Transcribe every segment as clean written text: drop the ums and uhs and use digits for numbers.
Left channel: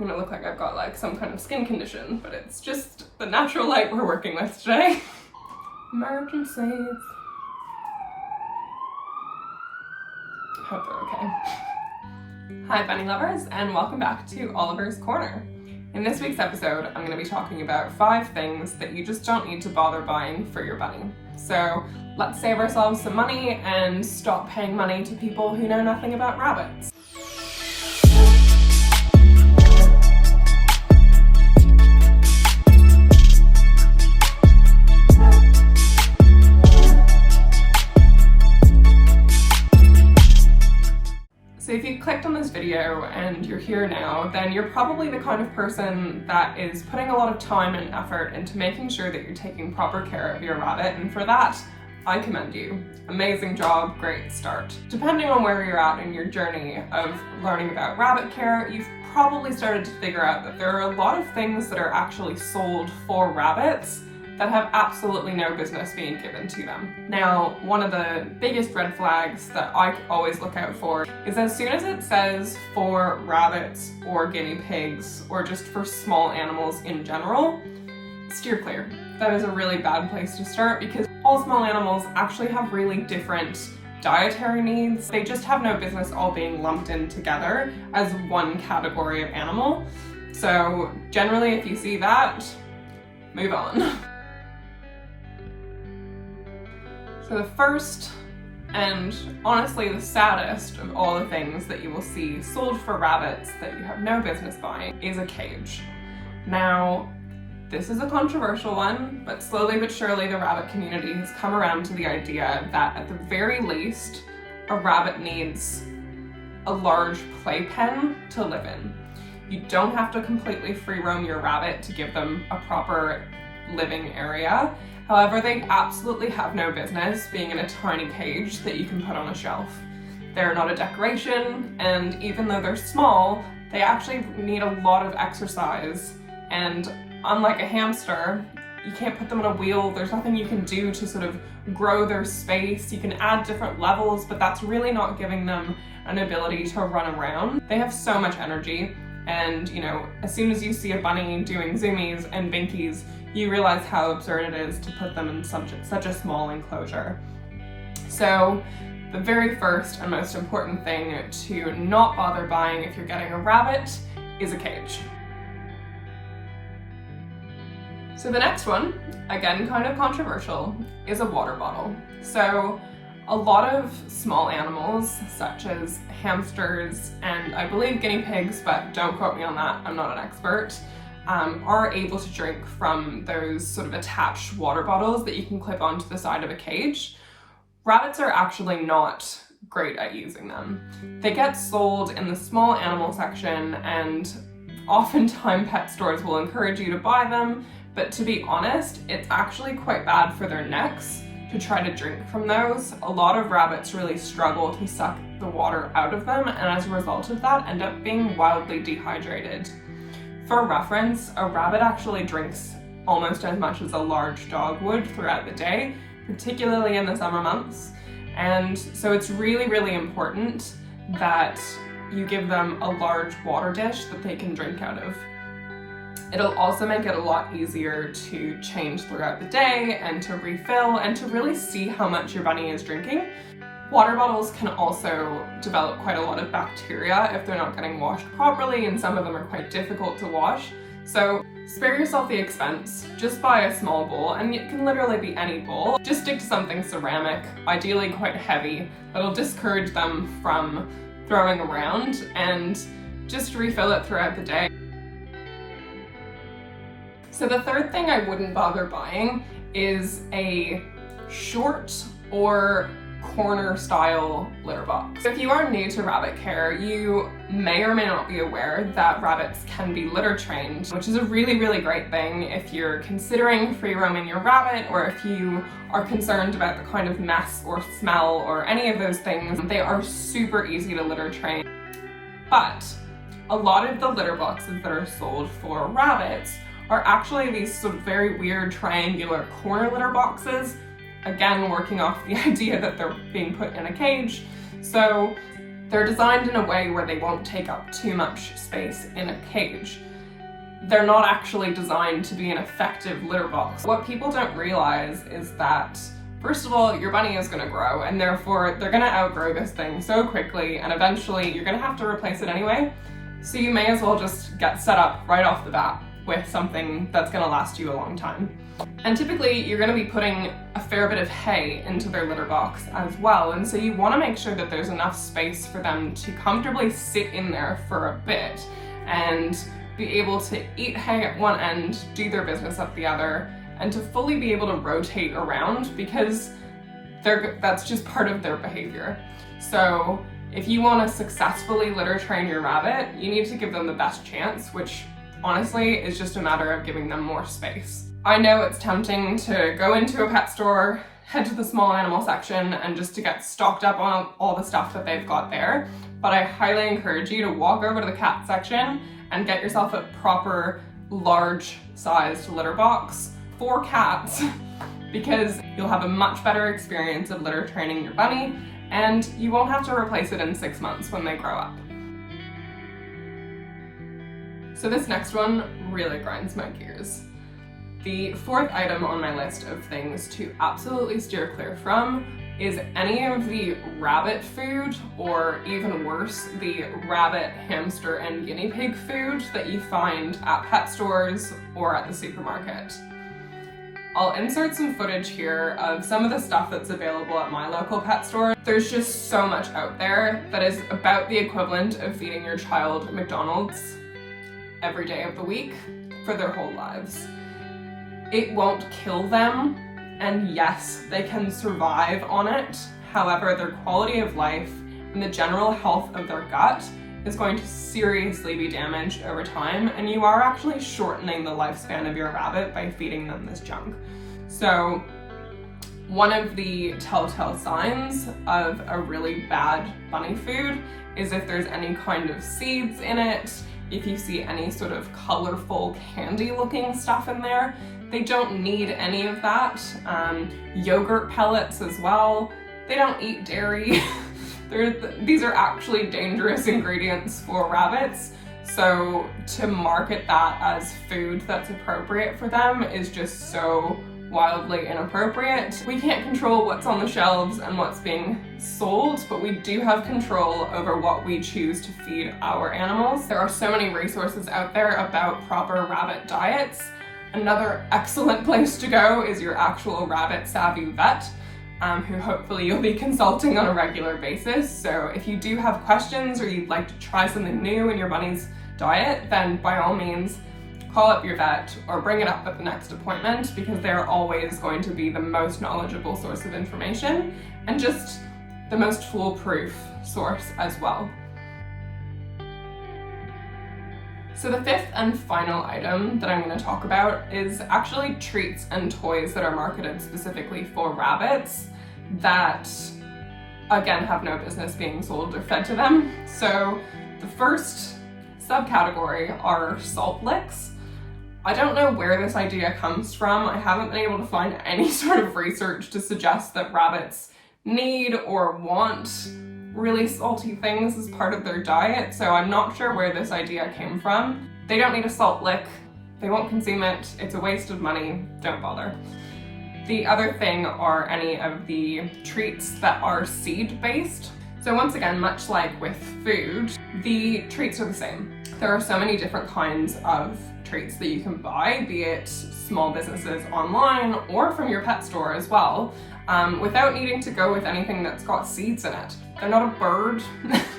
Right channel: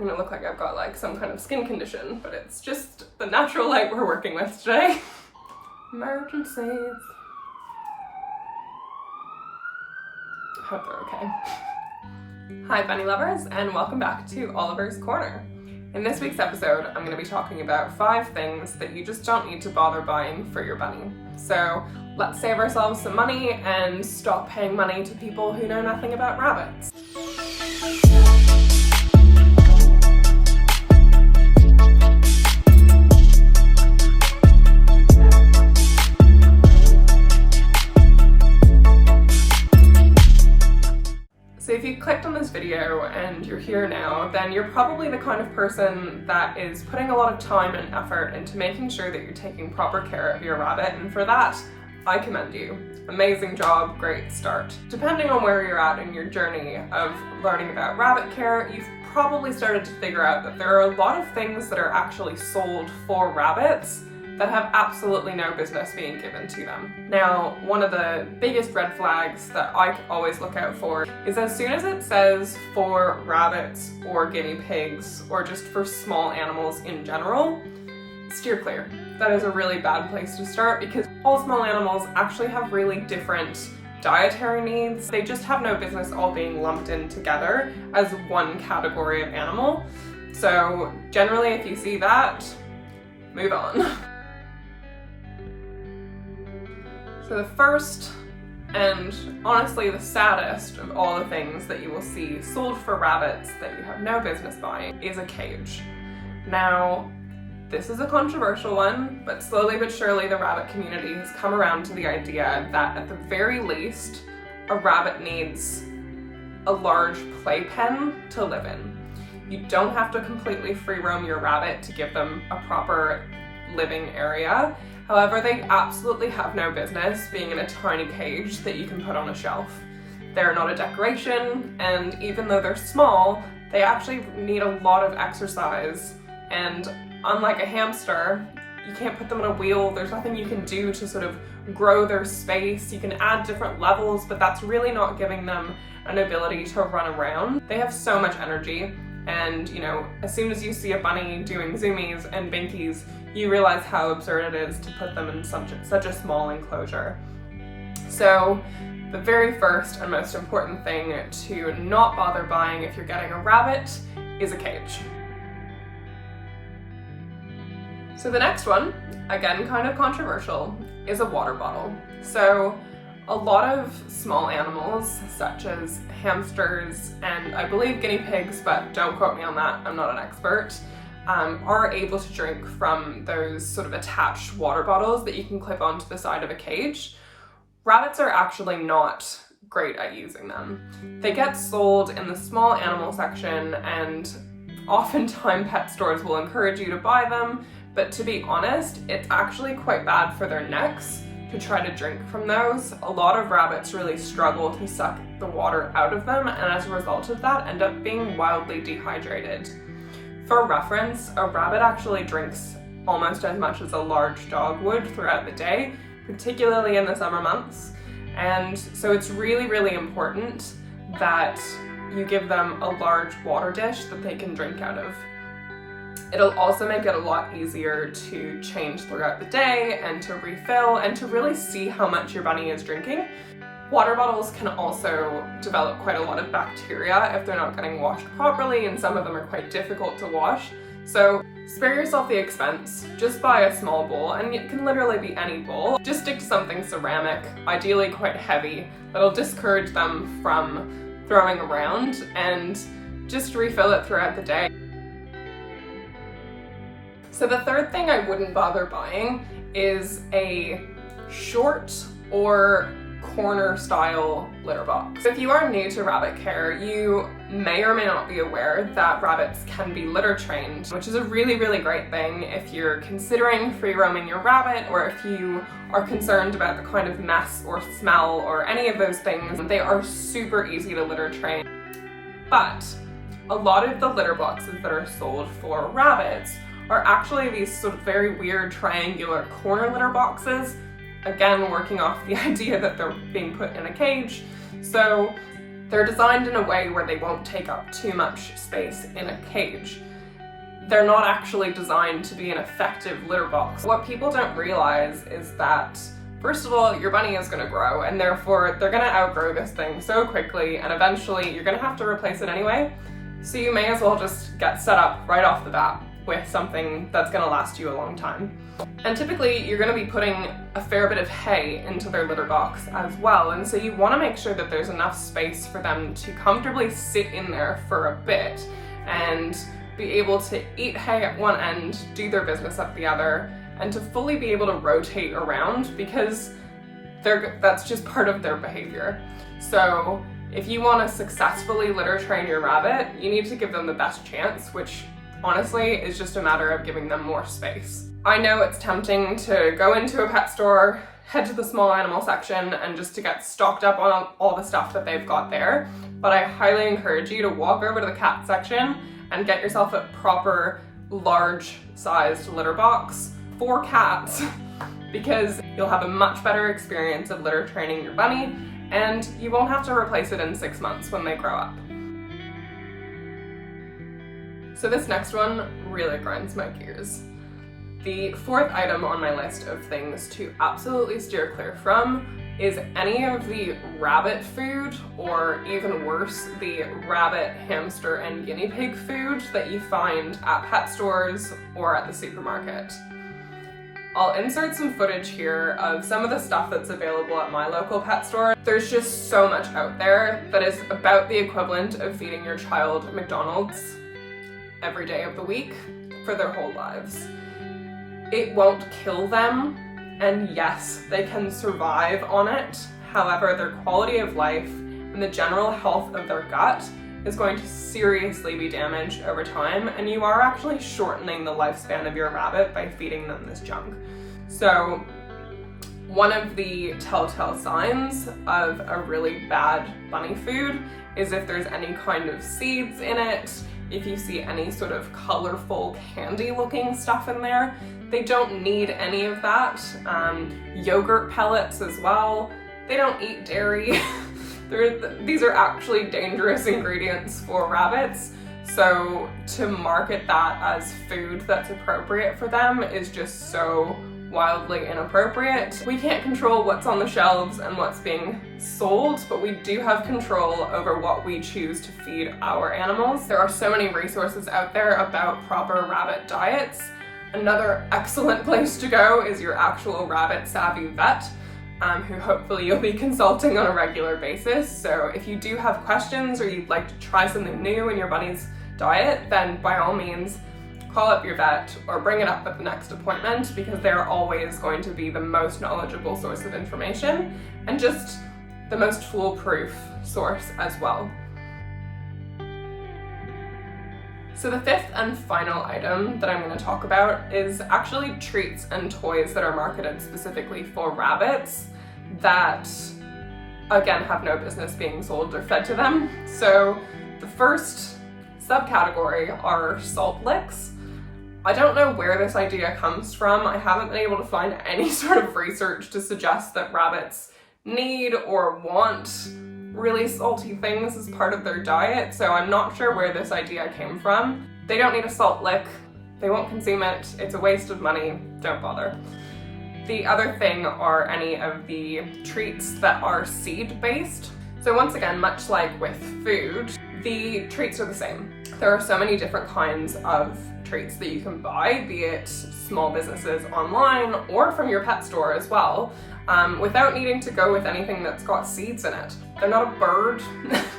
I'm gonna look like I've got like some kind of skin condition, but it's just the natural light we're working with today. Emergencies. Hope they're okay. Hi bunny lovers, and welcome back to Oliver's Corner. In this week's episode, I'm going to be talking about 5 things that you just don't need to bother buying for your bunny. So let's save ourselves some money and stop paying money to people who know nothing about rabbits. So if you clicked on this video and you're here now, then you're probably the kind of person that is putting a lot of time and effort into making sure that you're taking proper care of your rabbit, and for that, I commend you. Amazing job, great start. Depending on where you're at in your journey of learning about rabbit care, you've probably started to figure out that there are a lot of things that are actually sold for rabbits that have absolutely no business being given to them. Now, one of the biggest red flags that I always look out for is as soon as it says for rabbits or guinea pigs or just for small animals in general, steer clear. That is a really bad place to start because all small animals actually have really different dietary needs. They just have no business all being lumped in together as one category of animal. So generally, if you see that, move on. So the first, and honestly the saddest of all the things that you will see sold for rabbits that you have no business buying is a cage. Now, this is a controversial one, but slowly but surely the rabbit community has come around to the idea that at the very least, a rabbit needs a large playpen to live in. You don't have to completely free roam your rabbit to give them a proper living area. However, they absolutely have no business being in a tiny cage that you can put on a shelf. They're not a decoration, and even though they're small, they actually need a lot of exercise. And unlike a hamster, you can't put them on a wheel. There's nothing you can do to sort of grow their space. You can add different levels, but that's really not giving them an ability to run around. They have so much energy. And, you know, as soon as you see a bunny doing zoomies and binkies, you realize how absurd it is to put them in such a small enclosure. So the very first and most important thing to not bother buying if you're getting a rabbit is a cage. So the next one, again kind of controversial, is a water bottle. So a lot of small animals, such as hamsters and I believe guinea pigs, but don't quote me on that, I'm not an expert, are able to drink from those sort of attached water bottles that you can clip onto the side of a cage. Rabbits are actually not great at using them. They get sold in the small animal section, and oftentimes pet stores will encourage you to buy them, but to be honest, it's actually quite bad for their necks to try to drink from those. A lot of rabbits really struggle to suck the water out of them, and as a result of that, end up being wildly dehydrated. For reference, a rabbit actually drinks almost as much as a large dog would throughout the day, particularly in the summer months. And so it's really, really important that you give them a large water dish that they can drink out of. It'll also make it a lot easier to change throughout the day and to refill and to really see how much your bunny is drinking. Water bottles can also develop quite a lot of bacteria if they're not getting washed properly, and some of them are quite difficult to wash. So spare yourself the expense, just buy a small bowl, and it can literally be any bowl. Just stick to something ceramic, ideally quite heavy, that'll discourage them from throwing around, and just refill it throughout the day. So the third thing I wouldn't bother buying is a short or corner style litter box. If you are new to rabbit care, you may or may not be aware that rabbits can be litter trained, which is a really, really great thing if you're considering free roaming your rabbit, or if you are concerned about the kind of mess or smell or any of those things. They are super easy to litter train. But a lot of the litter boxes that are sold for rabbits are actually these sort of very weird triangular corner litter boxes, again working off the idea that they're being put in a cage. So They're designed in a way where they won't take up too much space in a cage. They're not actually designed to be an effective litter box. What people don't realize is that, first of all, your bunny is going to grow, and therefore they're going to outgrow this thing so quickly, and eventually you're going to have to replace it anyway. So you may as well just get set up right off the bat with something that's going to last you a long time. And typically you're going to be putting a fair bit of hay into their litter box as well, and so you want to make sure that there's enough space for them to comfortably sit in there for a bit and be able to eat hay at one end, do their business at the other, and to fully be able to rotate around, because that's just part of their behavior. So if you want to successfully litter train your rabbit, you need to give them the best chance, which honestly is just a matter of giving them more space. I know it's tempting to go into a pet store, head to the small animal section, and just to get stocked up on all the stuff that they've got there, but I highly encourage you to walk over to the cat section and get yourself a proper large-sized litter box for cats, because you'll have a much better experience of litter training your bunny, and you won't have to replace it in 6 months when they grow up. So this next one really grinds my gears. The fourth item on my list of things to absolutely steer clear from is any of the rabbit food, or even worse, the rabbit, hamster, and guinea pig food that you find at pet stores or at the supermarket. I'll insert some footage here of some of the stuff that's available at my local pet store. There's just so much out there that is about the equivalent of feeding your child McDonald's every day of the week for their whole lives. It won't kill them, and yes, they can survive on it. However, their quality of life and the general health of their gut is going to seriously be damaged over time, and you are actually shortening the lifespan of your rabbit by feeding them this junk. So one of the telltale signs of a really bad bunny food is if there's any kind of seeds in it, if you see any sort of colorful candy looking stuff in there. They don't need any of that. Yogurt pellets as well. They don't eat dairy. These are actually dangerous ingredients for rabbits. So to market that as food that's appropriate for them is just so wildly inappropriate. We can't control what's on the shelves and what's being sold, but we do have control over what we choose to feed our animals. There are so many resources out there about proper rabbit diets. Another excellent place to go is your actual rabbit savvy vet, who hopefully you'll be consulting on a regular basis. So if you do have questions or you'd like to try something new in your bunny's diet, then by all means, call up your vet or bring it up at the next appointment, because they're always going to be the most knowledgeable source of information and just the most foolproof source as well. So the fifth and final item that I'm going to talk about is actually treats and toys that are marketed specifically for rabbits that, again, have no business being sold or fed to them. So the first subcategory are salt licks. I don't know where this idea comes from. I haven't been able to find any sort of research to suggest that rabbits need or want really salty things as part of their diet, so I'm not sure where this idea came from. They don't need a salt lick. They won't consume it. It's a waste of money. Don't bother. The other thing are any of the treats that are seed-based. So once again, much like with food, the treats are the same. There are so many different kinds of treats that you can buy, be it small businesses online or from your pet store as well, without needing to go with anything that's got seeds in it. They're not a bird,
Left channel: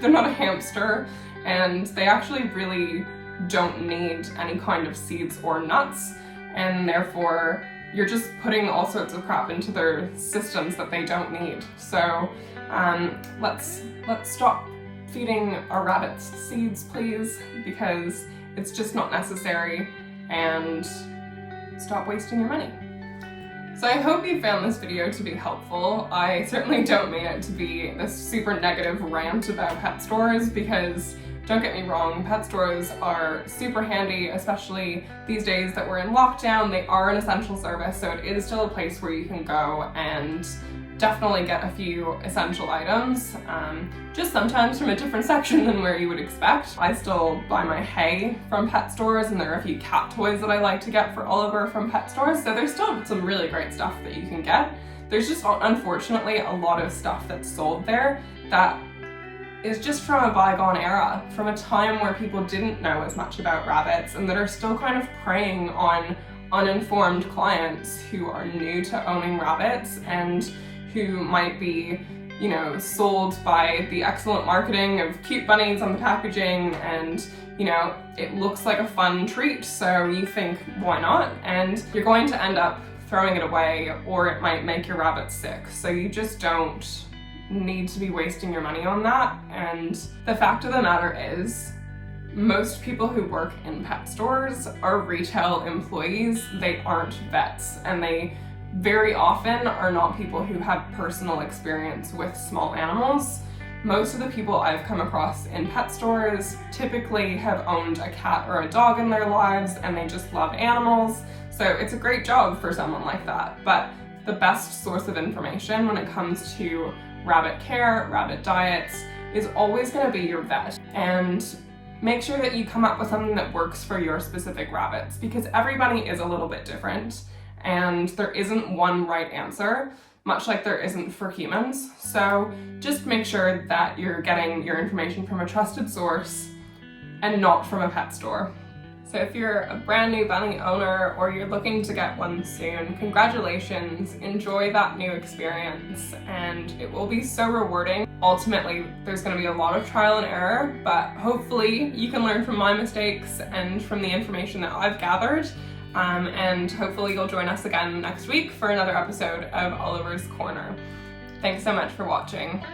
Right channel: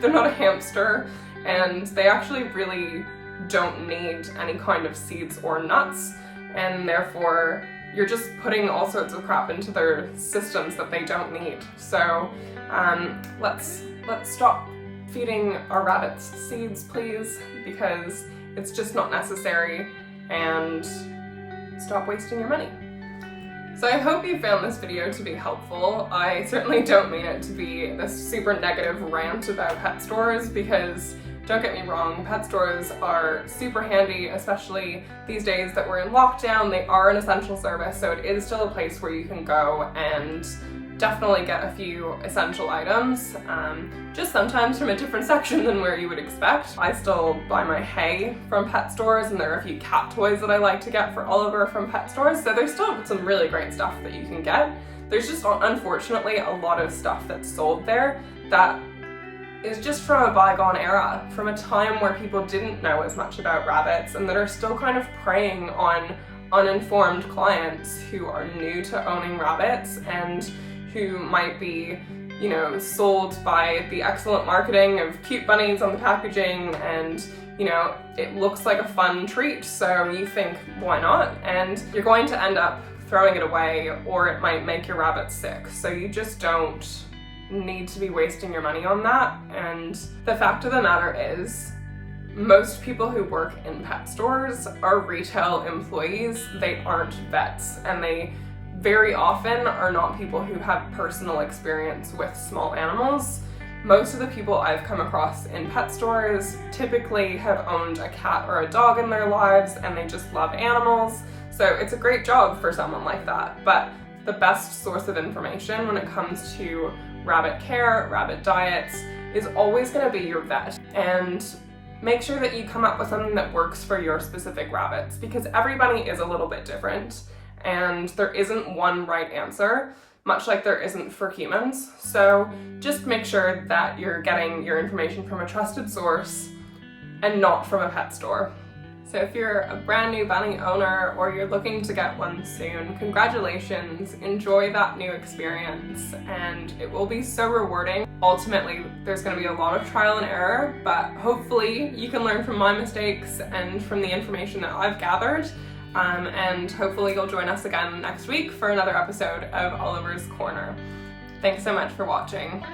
they're not a hamster, and they actually really don't need any kind of seeds or nuts, and therefore you're just putting all sorts of crap into their systems that they don't need. So let's stop feeding our rabbits seeds, please, because it's just not necessary, and stop wasting your money. So I hope you found this video to be helpful. I certainly don't mean it to be this super negative rant about pet stores, because don't get me wrong, pet stores are super handy, especially these days that we're in lockdown. They are an essential service, so it is still a place where you can go and definitely get a few essential items, just sometimes from a different section than where you would expect. I still buy my hay from pet stores, and there are a few cat toys that I like to get for Oliver from pet stores, so there's still some really great stuff that you can get. There's just unfortunately a lot of stuff that's sold there that is just from a bygone era, from a time where people didn't know as much about rabbits and that are still kind of preying on uninformed clients who are new to owning rabbits and who might be, you know, sold by the excellent marketing of cute bunnies on the packaging, and, you know, it looks like a fun treat, so you think, why not? And you're going to end up throwing it away, or it might make your rabbit sick. So you just don't need to be wasting your money on that. And the fact of the matter is, most people who work in pet stores are retail employees. They aren't vets, and they very often are not people who have personal experience with small animals. Most of the people I've come across in pet stores typically have owned a cat or a dog in their lives, and they just love animals. So it's a great job for someone like that. But the best source of information when it comes to rabbit care, rabbit diets, is always going to be your vet. And make sure that you come up with something that works for your specific rabbits, because everybody is a little bit different and there isn't one right answer, much like there isn't for humans. So just make sure that you're getting your information from a trusted source and not from a pet store. So if you're a brand new bunny owner or you're looking to get one soon, congratulations, enjoy that new experience, and it will be so rewarding. Ultimately, there's going to be a lot of trial and error, but hopefully you can learn from my mistakes and from the information that I've gathered, and hopefully you'll join us again next week for another episode of Oliver's Corner. Thanks so much for watching.